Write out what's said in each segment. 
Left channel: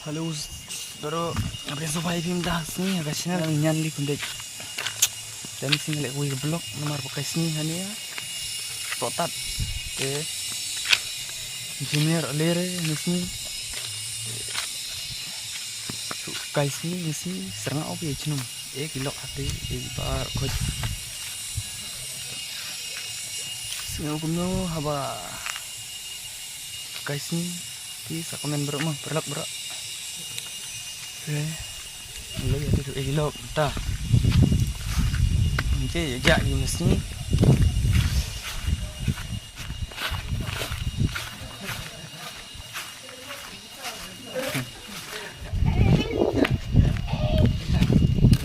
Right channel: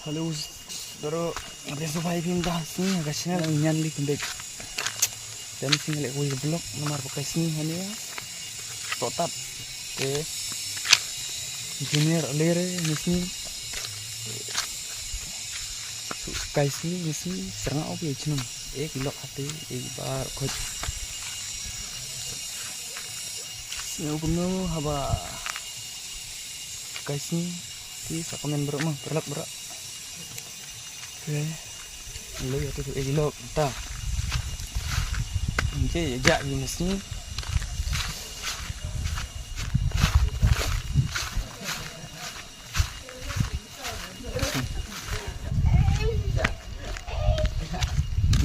Halo, doro abis supaya film dah sini agak sini nyan li kundek. Dan single kuih blok nomor pakai sini hani ya. Totat. Junior lere sini. Kai sini serang obi jenum. Kilok hati bar koj. Singa kumno haba kai sini di sakomen berok berlak. Lấy ở đây cái lộn ta chơi dạy gì mà xí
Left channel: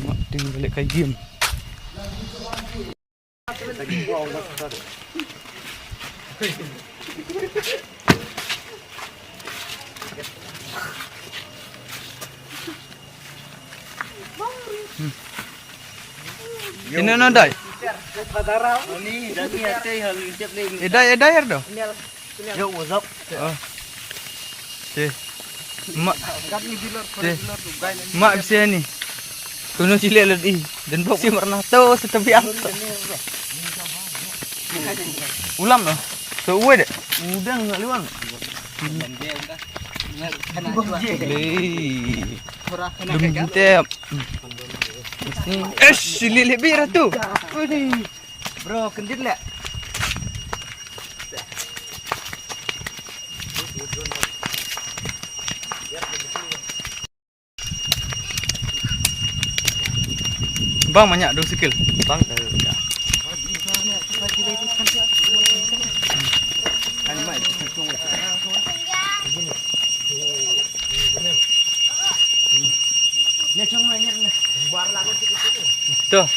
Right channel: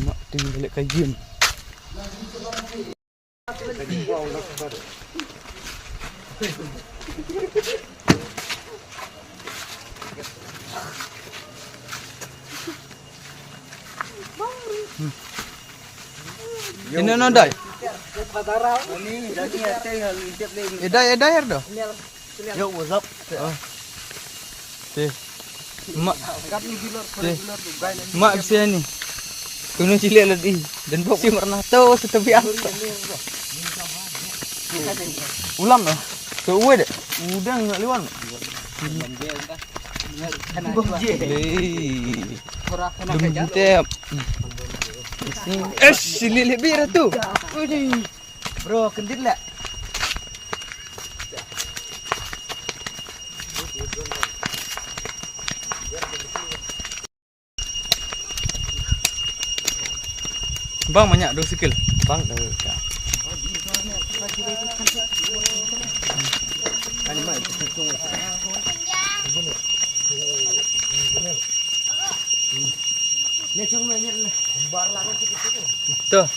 mặc tình với lại cái diêm ini nandai. Edai dah. Yo wozok. Mak. Mak bisa ni. Kuno cilik lagi dan boksi warna tu setepi apa. Ulam lah. Tu uwe dek. Udang nak liwan. Tep. Sini lebih tu. Bro, kendit lah. Bang banyak 2 sikil. Bang ya. Tuh.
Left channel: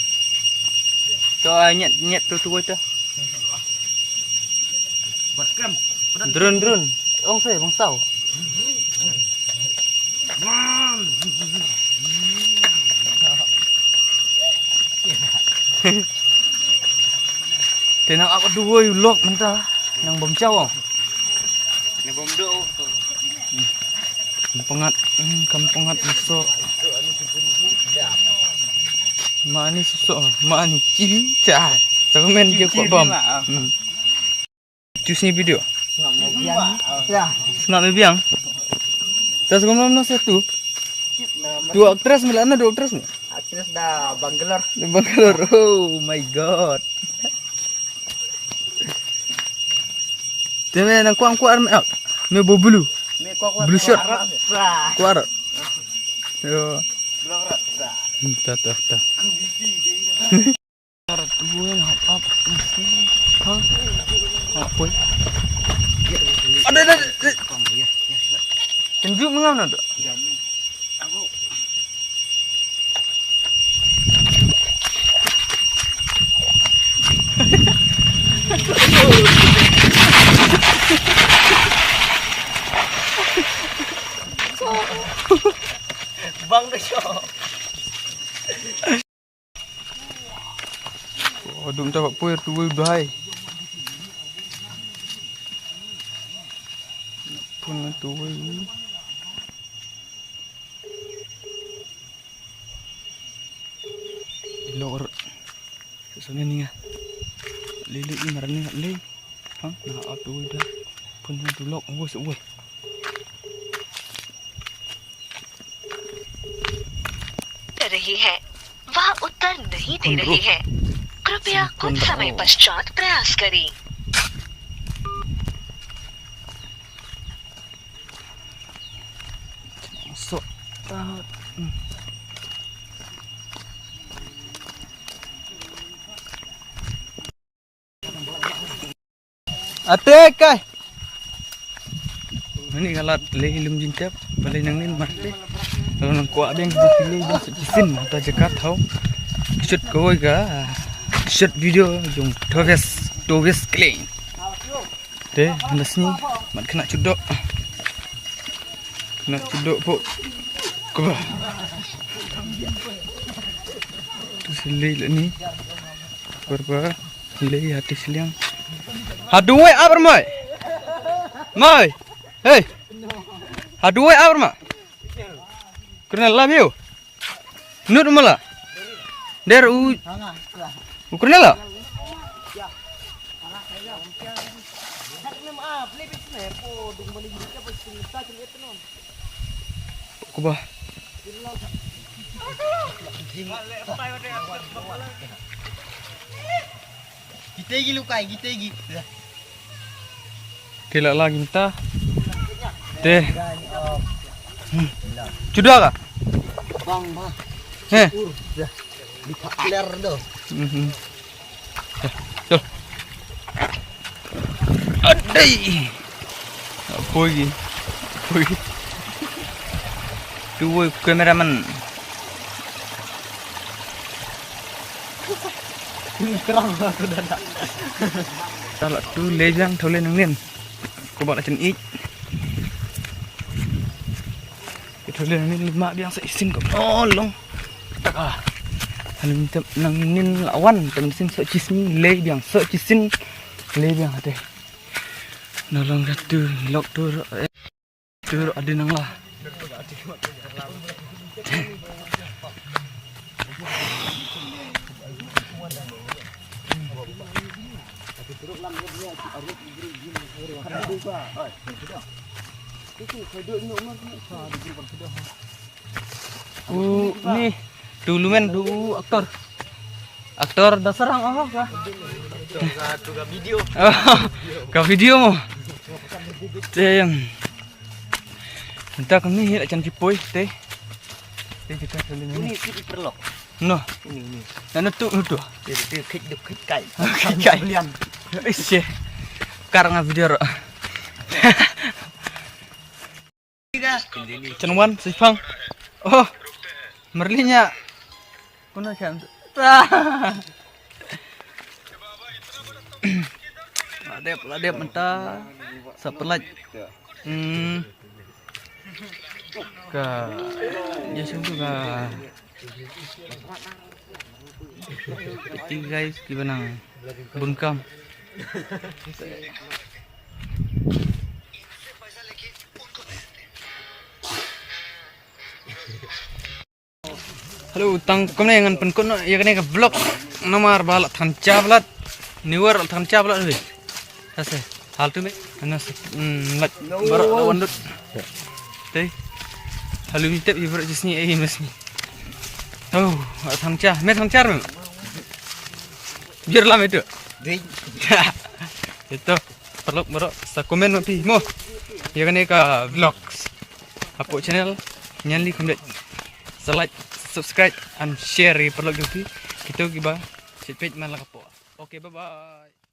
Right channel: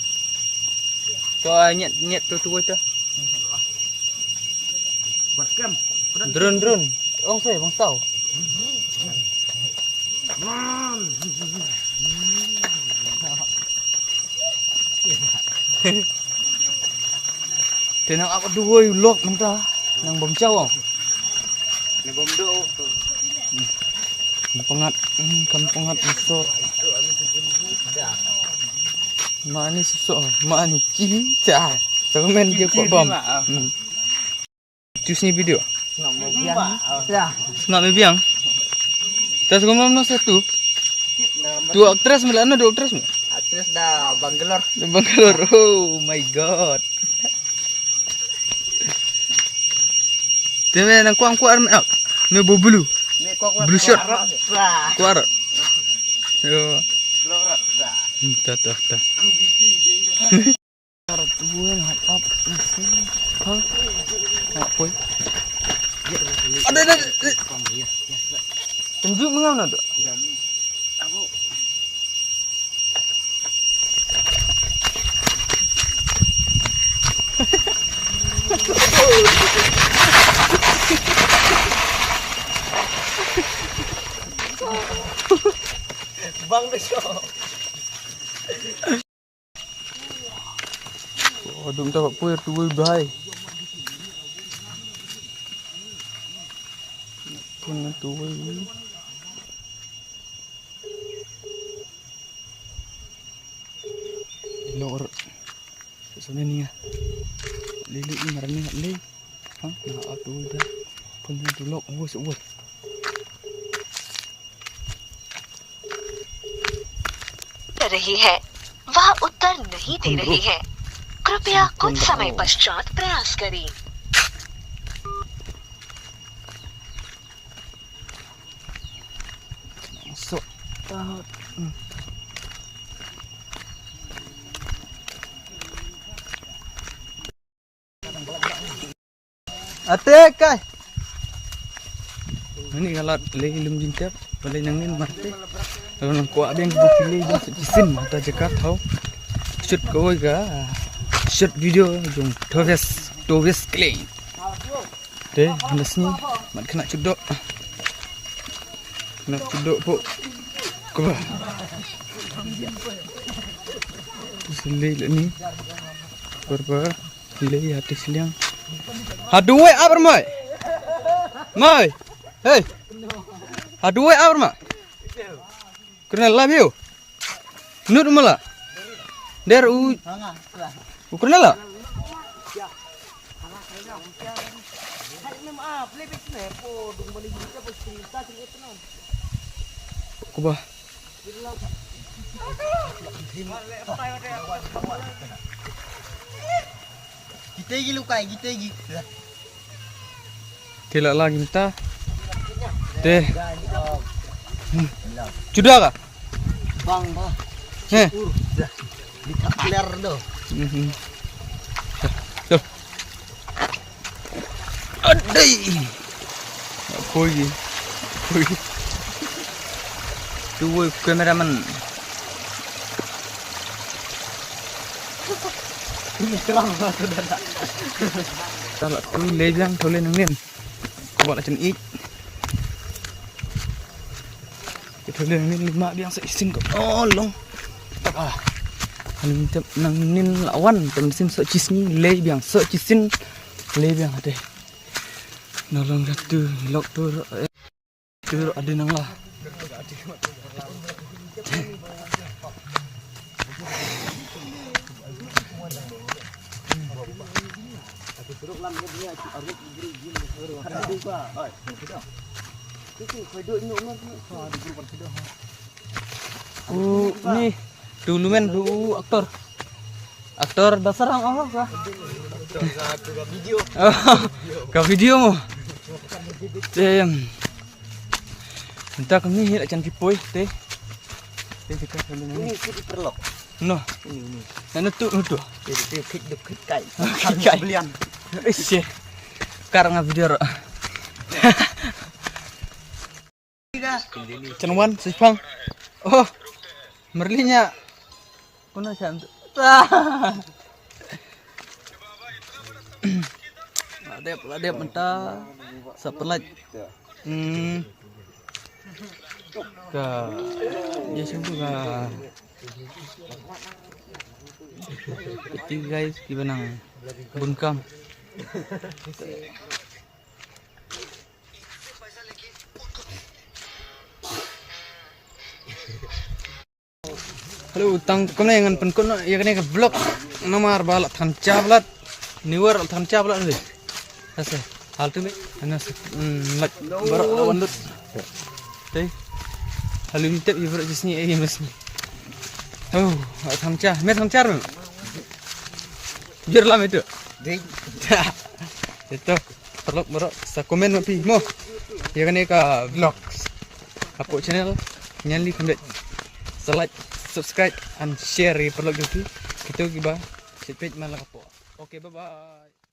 Tuh nyet tu tu. Buat kem. Drone. Ong saya bang sau. Tenang aku dua lok mentah nang bom cawang. Ni bom do. Kampungat besok. Mani susuk, mani cibi cah. Sakumen dia kuat bom. Cus ni video. Ngam mo biang. Ya. Ngam me biang. Tas kumam no satu. Tu aktris melana 2 aktris ni. Aktris dah Bangalore. Oh my god. Teme nang kuang out. Me bobulu. Me kok Blue shirt. Kuar. Yo. Blok. Ta. Tuan up nasi. Hah? Apa? Ada. Tunjuk mengam nak? Aku Bang the show. Dum tak puir tu bahai. Pun tu. Lor. Sesuatu ni ah. Lili marani le. Hang nak tu dah. Pun tu lok woi. रही है वह उत्तर नहीं दे रही है कृपया कुछ समय पश्चात प्रयास करें Atek kai. Ini kalau le ilum jintap, balai nang ni marte. Kalau nang kuat beng bukile beng sepisin mata jekat tau. Shoot kau ga. Shoot video jung Toves clean. Deh, nasni mat kena cudok. Pok. Kau. Tu silai ni. Berapa? Silai hati siliang. Haduwe apa mai? Hey, haduwe apa mai? Kena lah biu. Nut malah. Der Kena lah. Kuba. Kita lagi lukai, kita lagi. Tidak lagi minta. Teh. Sudah kah? Bang. Dikapler doh. Tuh. Adai. Apa lagi? Tuh kameraman. Kalau tu lejang thâu lên nâng lên. Cô bọn là chân ít. Cái thâu lên nâng lên mạ biang sẽ xin cậu. Long. Tak ah. Halim tem nang nin lawan tem sin sợ chi sin le biang sợ chi sin le biang ade. Nolong ratu lok tu ada nang lah. Ni dulu men dulu aktor dasar ang kah? Video. Ka video mo. Entah kami hit acan tipoi teh. Kita Ini kita perlok. No. Ini. Nana tu. Jadi dia kek kai. Belian. Isi. Karang video. Cenwan sipang. Oh. Merlinya. Kuna kan. Ladep mentah. Sepelat. Ka ya sungguh ka itu guys gimana bunkam halo tang kemana yang penkon ya kena ke vlog nomor balak thanca balat newer thanca balat ni ase hal tu me anas lat barak wandut teh halu mitep ibarat jesni mas ni. Oh, thangcha, me thangcha rum. Biar lam itu. Dei. Itu perlu baru sa komen pi mo. Ya kan ka vlogs. Apa channel nyali kamdet. Like, subscribe and share perlu gitu. Kita giba page man la kapo. Okay, bye bye.